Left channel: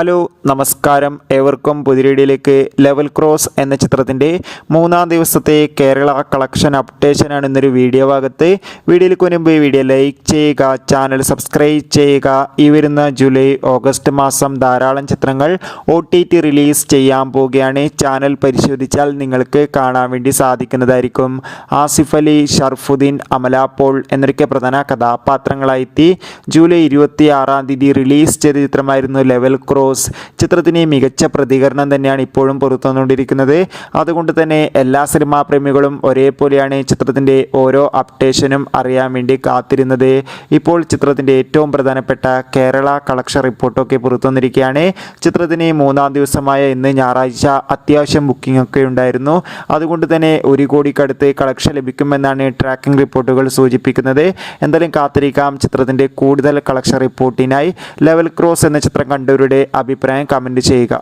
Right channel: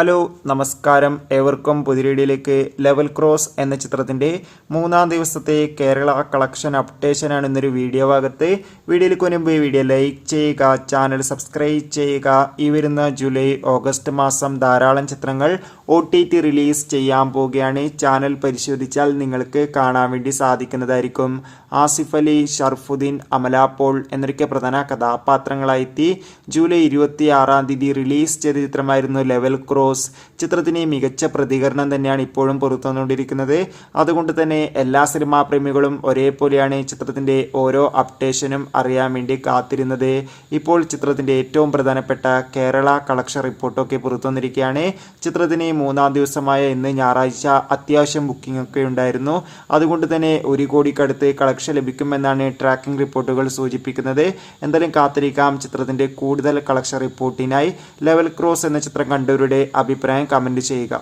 Hello നമസ്കാരം, ഏവർക്കും പുതിയ വീഡിയോയിലേക്ക്. ലെവൽ ക്രോസ് എന്ന ചിത്രത്തിൻ്റെ 3-ാം ദിവസത്തെ കേരള കളക്ഷൻ അപ്ഡേഷനാണ് ഇന്നൊരു വീഡിയോ ഭാഗത്ത്. വീഡിയോയിലേക്ക് മുൻപ് ഈ വീഡിയോ ലൈക്ക് ചെയ്യുക, ചാനൽ സബ്സ്ക്രൈബ് ചെയ്യുക. ഈ വരുന്ന ജൂലൈ ഓഗസ്റ്റ് മാസം ധാരാളം ചിത്രങ്ങൾ OTT റിലീസ് ചെയ്യാൻ പോവുകയാണ്. ചാനൽ പരിശോധിച്ചാൽ നിങ്ങൾക്ക് കാണാൻ വേണ്ടി സാധിക്കുന്നതായിരിക്കും. ആസിഫ് അലി, ഷർഫുദ്ദീൻ, അമല പോൾ എന്നൊക്കെ പ്രധാന കഥാപാത്രങ്ങളായി ജൂലൈ 26-ാം തീയതി റിലീസ് ചെയ്ത ചിത്രമായിരുന്നു ലെവൽ ക്രോസ്. ചിത്രത്തിന് മികച്ച പ്രതികരണം തന്നെയാണ് ഇപ്പോഴും പുറത്തുവന്നുകൊണ്ടിരിക്കുന്നത്. അതുകൊണ്ട് തന്നെ എല്ലാ സിനിമാ പ്രേമികളും ഒരേപോലെയാണ് ചിത്രത്തിൻ്റെ ഓരോ അപ്ഡേഷനും അറിയാൻ വേണ്ടി കാത്തിരുന്നത്. ഇപ്പോൾ ചിത്രത്തിൻ്റെ ഏറ്റവും പ്രധാനപ്പെട്ട കേരള കളക്ഷൻ റിപ്പോർട്ടൊക്കെ പുറത്തുവന്നിരിക്കുകയാണ്. ചിത്രത്തിന് 3-ാം ദിവസമായ ഇന്ന് ഞായറാഴ്ച അത്യാവശ്യം ബുക്കിംഗ് ഒക്കെ ഉണ്ടായിരുന്നു. അതുകൊണ്ട് തന്നെ 1 കോടിക്കടുത്ത് കളക്ഷൻ ലഭിക്കുമെന്നാണ് ട്രാക്കിംഗ് റിപ്പോർട്ടുകൾ സൂചിപ്പിക്കുന്നത്. എന്തായാലും കാത്തിരിക്കാം ചിത്രത്തിൻ്റെ കൂടുതൽ കളക്ഷൻ റിപ്പോർട്ടിനായി. ലെവൽ ക്രോസ് എന്ന ചിത്രം കണ്ടവരുടെ അഭിപ്രായം കമൻറ്റ് ചെയ്യുക.